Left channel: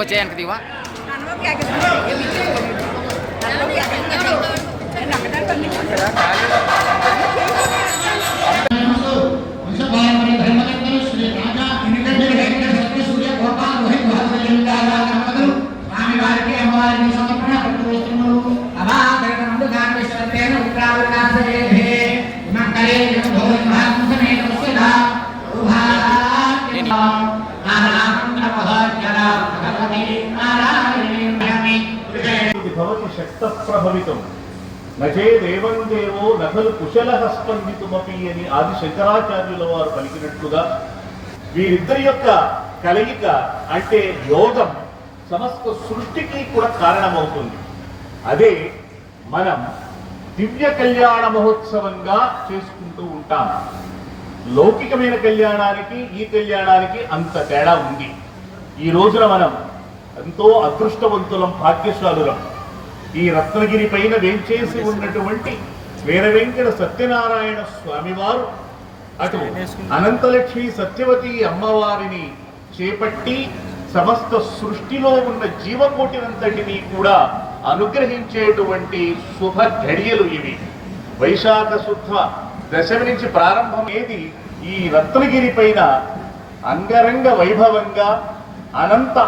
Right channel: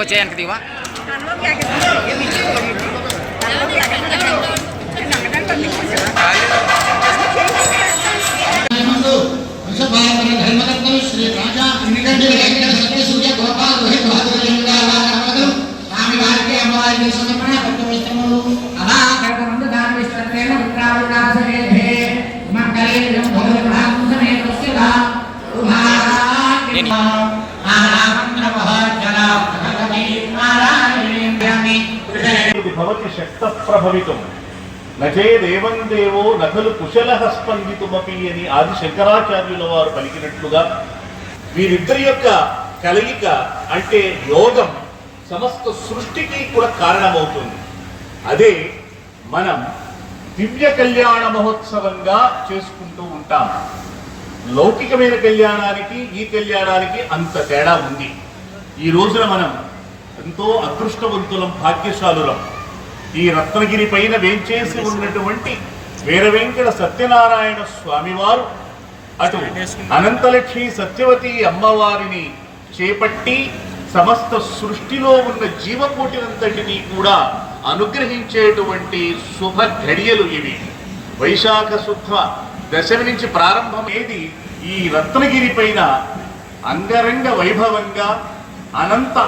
వచ్చేయడానికి దివా శ్రీ రాజా ఎన్నికంటే సూర్య గోపాల్ రోహిత్ స్వామి వారికి అమ్మవారికి సమర్పణ భక్తి వస్తువులు అలా ముందు దానమిశ్రేణ శక్త ప్రభవితం నచేదేవం దేవో నఖలు కుశల స్పందితుమపి అని ఆది శంకరాచార్యుల వారు పలికినట్లుగా వీరిద్దరి యొక్క కలయిక అంటే యోగం సమస్త సృష్టికి కూడా కారణమవుతుంది. అదే మనం దివ్య కళ్యాణ మహోత్సవంగా చేసుకుంటూ ఉంటాం. లౌకికమైన కళ్యాణానికి ఈ కళ్యాణానికి అంత తేడా ఉంది. ఈ రోజున మనం ఎంతో అదృష్టవంతులం, భాగ్యశాలులం. ఈ రత్నగిరి పైన వేంచేసి ఉన్నటువంటి వీర వెంకట సత్యనారాయణ స్వామివారు అటు అనంతలక్ష్మి సత్యవతి అమ్మవారిని చేపట్టి సమస్త సృష్టిలో ఉన్న జీవకోటినంతటినీ కూడా అనుగ్రహించేటువంటి శుభ ఘడియలు ఇవి. వైశాఖ శుద్ధ దశమి నుంచి ప్రారంభమేది ఈ రత్నగిరి పైన అంగరంగ వైభవంగా అనంత